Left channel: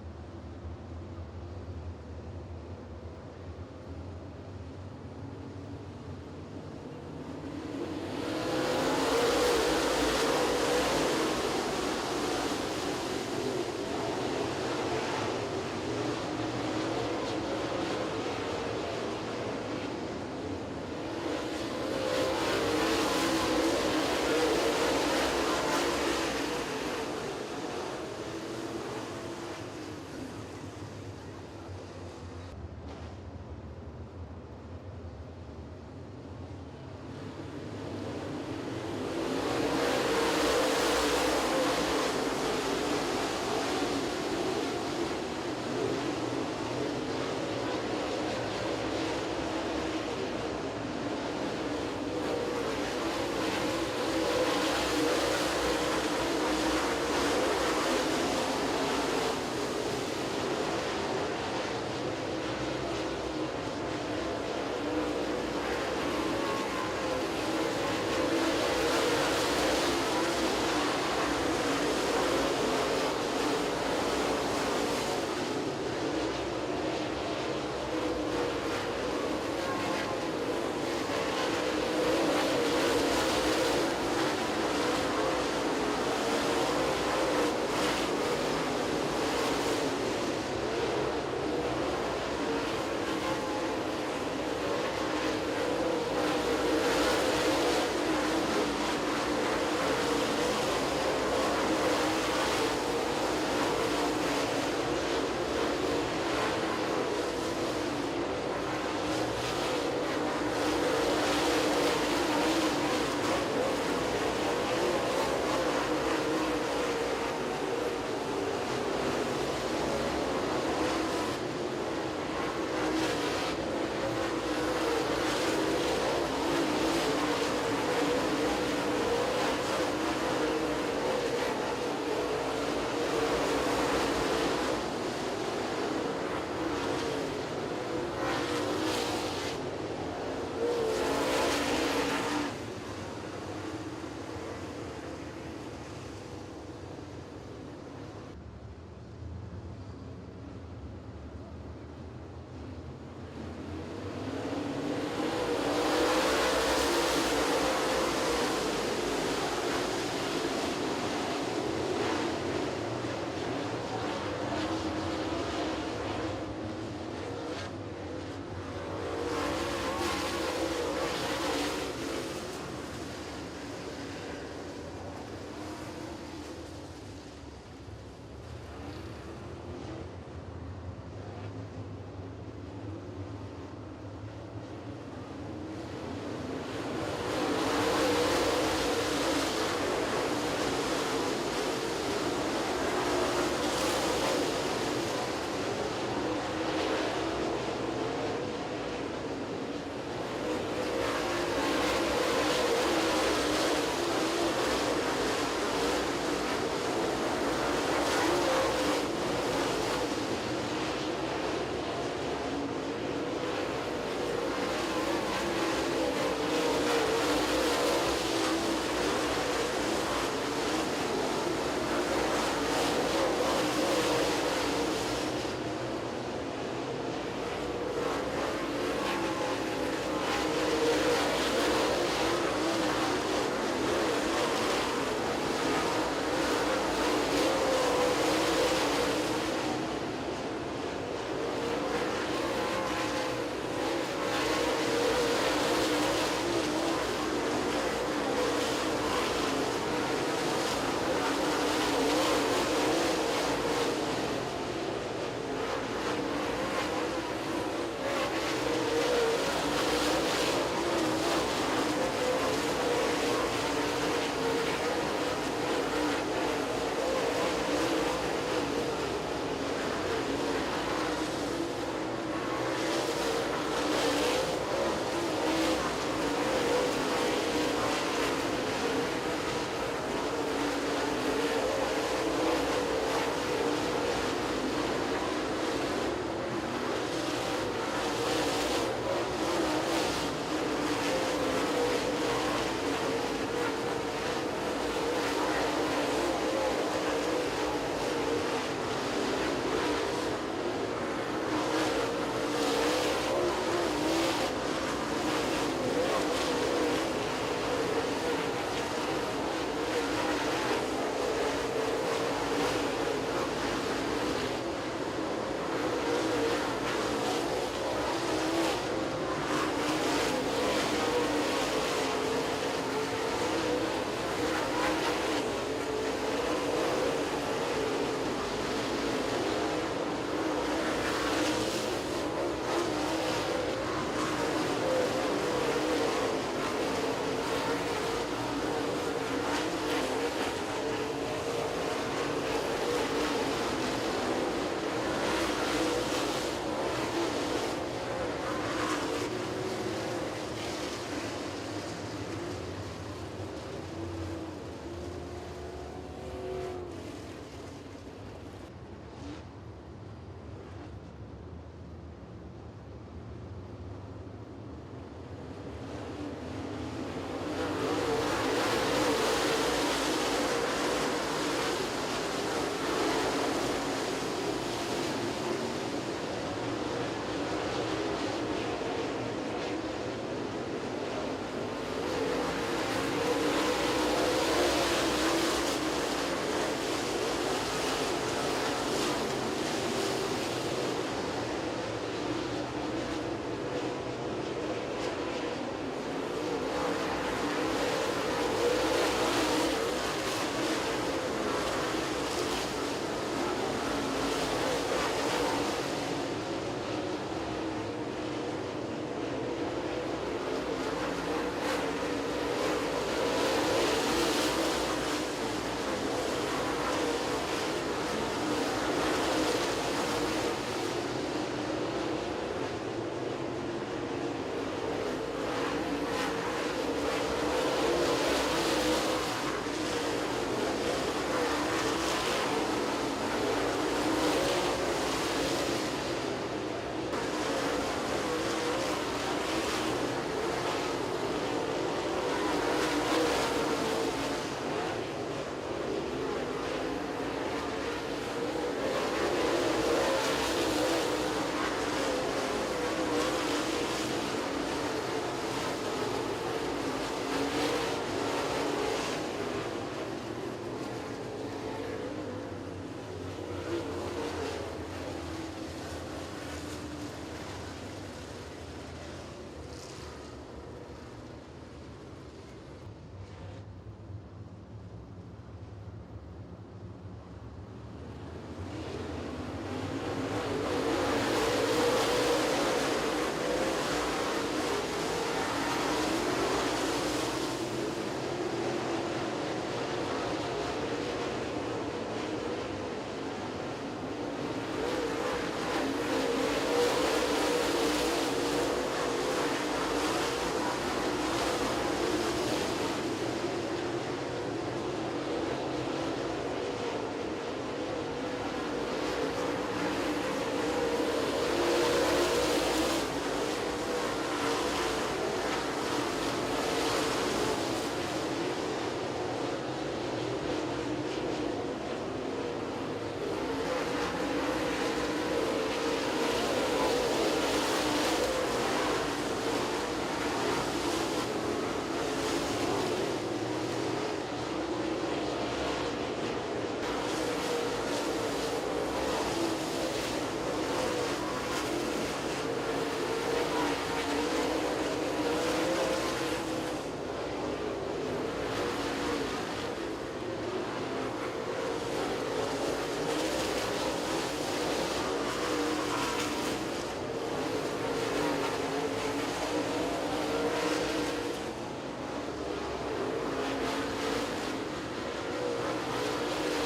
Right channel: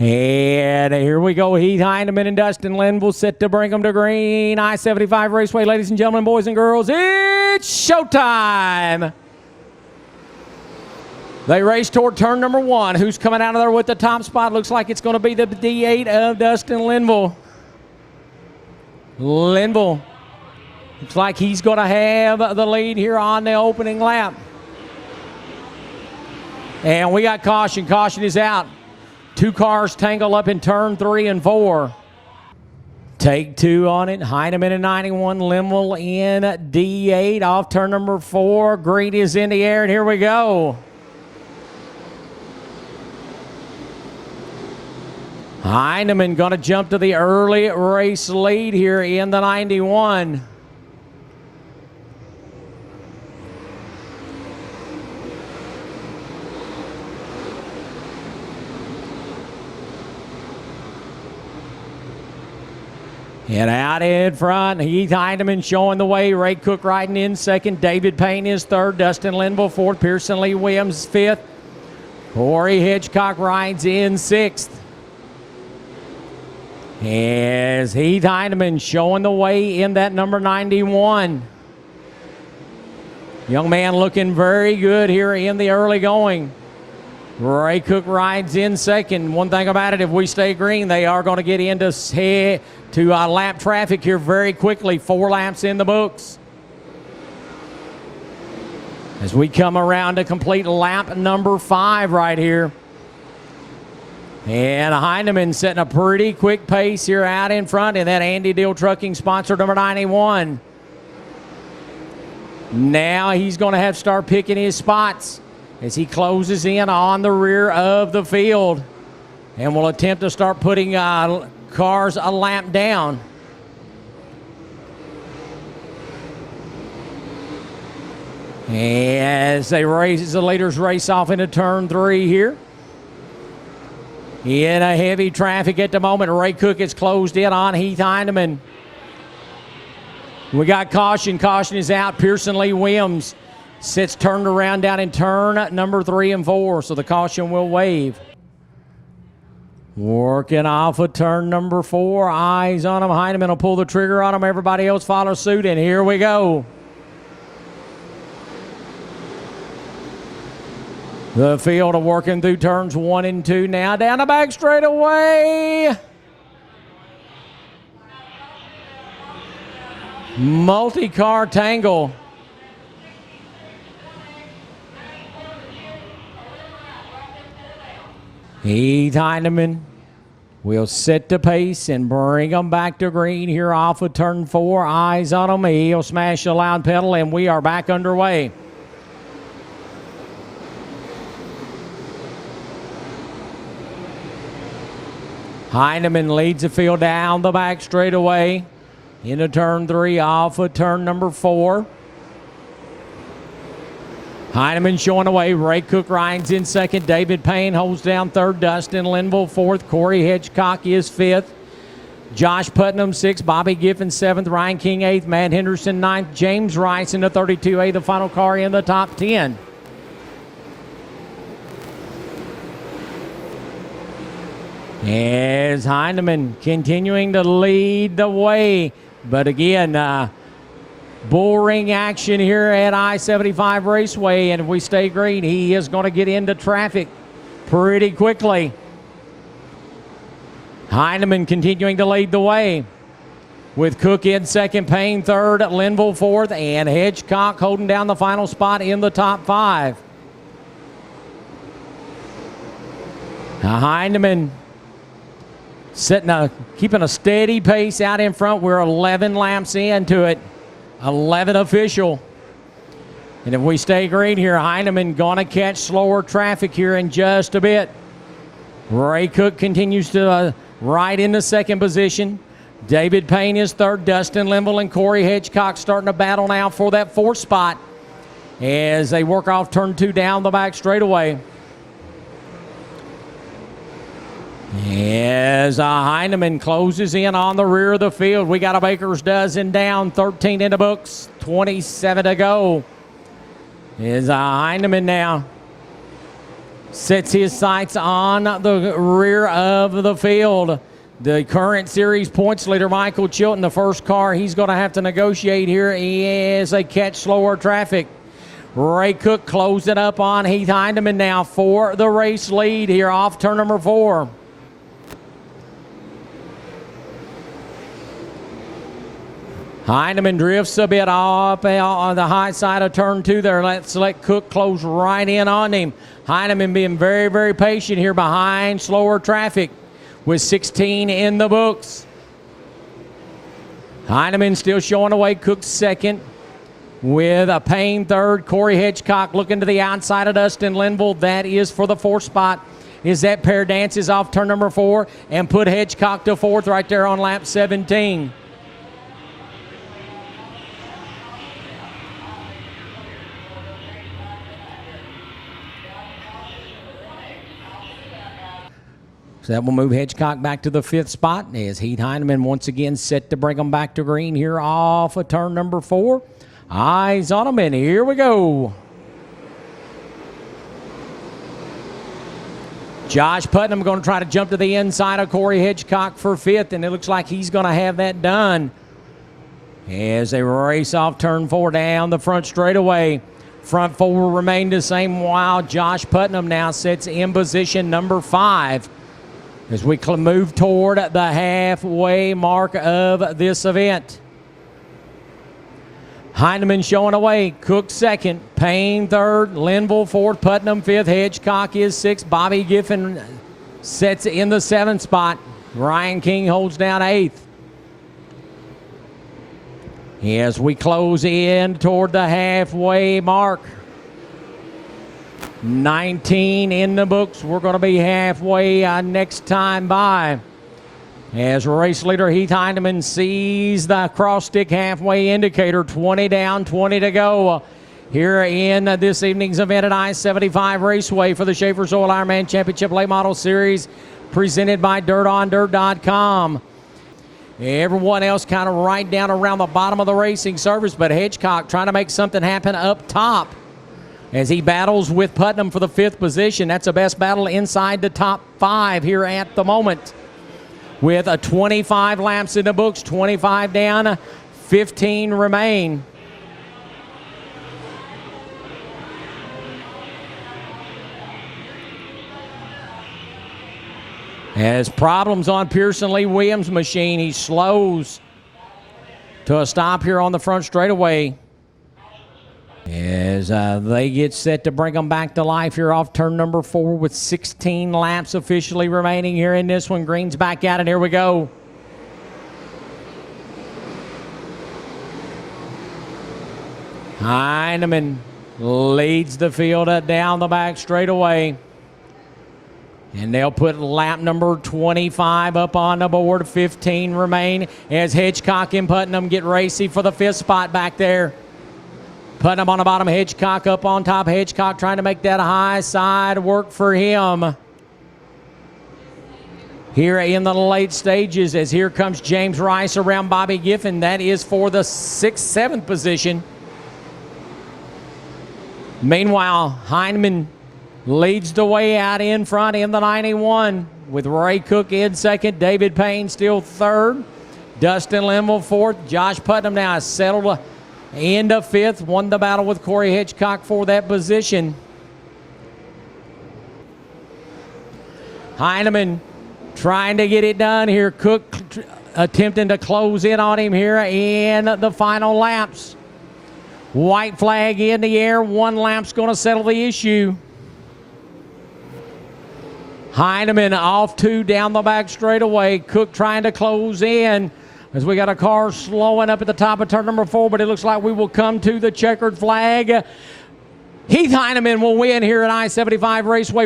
And here we go. Heath Heineman and Dustin Linville set to bring them to green. I-75 Raceway, ladies and gentlemen, boys and girls, it's showtime. They race toward turn number one. Who's coming out of there with the top spot? Looks like it's going to be the D8 of Dustin Linville. Linville looks like he's going to have the lead here on the opening lap. And we got caution. Caution is out. Two cars tangle up in turn 3 and 4. Take two on it. Heineman in 91, Linville in D8 off turn number 4. Green is in the air, and here we go. Heineman going to jump to the early race lead here in the 91. And out in front, Heath Heineman showing the way. Ray Cook riding in second. David Payne is third. Dustin Linville fourth. Pearson Lee Williams fifth. Corey Hitchcock rides in sixth. As Heath Heineman showing the way in that number 91. Young man looking very good here in the early going. Ray Cook rides in second. One thing about it, if we stay green, they are going to get into lap traffic here very quickly. 4 laps in the books. As we come around to complete lap number 5 right here. And Heineman setting a pretty quick pace here out in front in that Andy Deal Trucking sponsor number 91. Now he's going to have to start picking his spots as he closes in on the rear of the field. And will attempt to start putting cars a lap down. As the leaders race off into turn 3 here. In a heavy traffic at the moment. Ray Cook is closed in on Heath Heineman. We got caution. Caution is out. Pearson Lee Williams sits turned around down in turn number 3 and 4. So the caution will wave. Working off of turn number 4. Eyes on him. Heineman will pull the trigger on him. Everybody else follows suit. And here we go. The field are working through turns 1 and 2 now. Down the back straightaway. Multi-car tangle. Heath Heineman will set the pace and bring them back to green here off of turn 4. Eyes on him. He'll smash the loud pedal, and we are back underway. Heineman leads the field down the back straightaway into turn 3 off of turn number 4. Heineman showing away. Ray Cook rides in second. David Payne holds down third. Dustin Linville fourth. Corey Hitchcock is fifth. Josh Putnam sixth. Bobby Giffen seventh. Ryan King eighth. Matt Henderson ninth. James Rice in the 32A, the final car in the top 10. As Heineman continuing to lead the way. But again, bull ring action here at I-75 Raceway. And if we stay green, he is going to get into traffic pretty quickly. Heineman continuing to lead the way. With Cook in second, Payne third, Linville fourth, and Hitchcock holding down the final spot in the top 5. Now Heineman keeping a steady pace out in front. We're 11 laps into it. 11 official. And if we stay green here, Heineman gonna catch slower traffic here in just a bit. Ray Cook continues to ride in the second position. David Payne is third. Dustin Linville and Corey Hitchcock starting to battle now for that 4th spot as they work off turn 2 down the back straightaway. As Heineman closes in on the rear of the field. We got a baker's dozen down, 13 in the books, 27 to go. Is Heineman now sets his sights on the rear of the field. The current series points leader, Michael Chilton, the first car he's going to have to negotiate here is a catch slower traffic. Ray Cook closed it up on Heath Heineman now for the race lead here off turn number 4. Heineman drifts a bit off on the high side of turn 2 there. Let's let Cook close right in on him. Heineman being very, very patient here behind slower traffic with 16 in the books. Heineman still showing away. Cook second with a Payne third. Corey Hitchcock looking to the outside of Dustin Linville. That is for the 4th spot. Is that pair dances off turn number 4 and put Hitchcock to 4th right there on lap 17. So that will move Hitchcock back to the 5th spot as Heath Heineman once again set to bring them back to green here off of turn number 4. Eyes on him, and here we go. Josh Putnam going to try to jump to the inside of Corey Hitchcock for 5th, and it looks like he's going to have that done as they race off turn 4 down the front straightaway. Front 4 remain the same while Josh Putnam now sits in position number 5 as we move toward the halfway mark of this event. Heineman showing away. Cook second. Payne third. Linville fourth. Putnam 5th. Hitchcock is 6th. Bobby Giffen sets in the 7th spot. Ryan King holds down 8th. As we close in toward the halfway mark. 19 in the books. We're going to be halfway next time by. As race leader Heath Heineman sees the cross stick halfway indicator. 20 down, 20 to go. Here in this evening's event at I-75 Raceway for the Schaffer's Oil Ironman Championship Late Model Series presented by DirtOnDirt.com. Everyone else kind of right down around the bottom of the racing surface, but Hitchcock trying to make something happen up top as he battles with Putnam for the 5th position. That's the best battle inside the top 5 here at the moment. With a 25 laps in the books, 25 down, 15 remain. Has problems on Pearson Lee Williams' machine. He slows to a stop here on the front straightaway as they get set to bring them back to life here off turn number 4 with 16 laps officially remaining here in this one. Green's back out, and here we go. Heineman leads the field down the back straightaway. And they'll put lap number 25 up on the board. 15 remain as Hitchcock and Putnam get racy for the 5th spot back there. Putnam on the bottom, Hitchcock up on top. Hitchcock trying to make that high side work for him. Here in the late stages as here comes James Rice around Bobby Giffen. That is for the 6th, 7th position. Meanwhile, Heineman leads the way out in front in the 91 with Ray Cook in 2nd. David Payne still 3rd. Dustin Linville 4th. Josh Putnam now has settled into 5th. Won the battle with Corey Hitchcock for that position. Heineman trying to get it done here. Cook attempting to close in on him here in the final laps. White flag in the air. 1 lap's going to settle the issue. Heineman off 2 down the back straightaway. Cook trying to close in as we got a car slowing up at the top of turn number 4, but it looks like we will come to the checkered flag. Heath Heineman will win here at I-75 Raceway.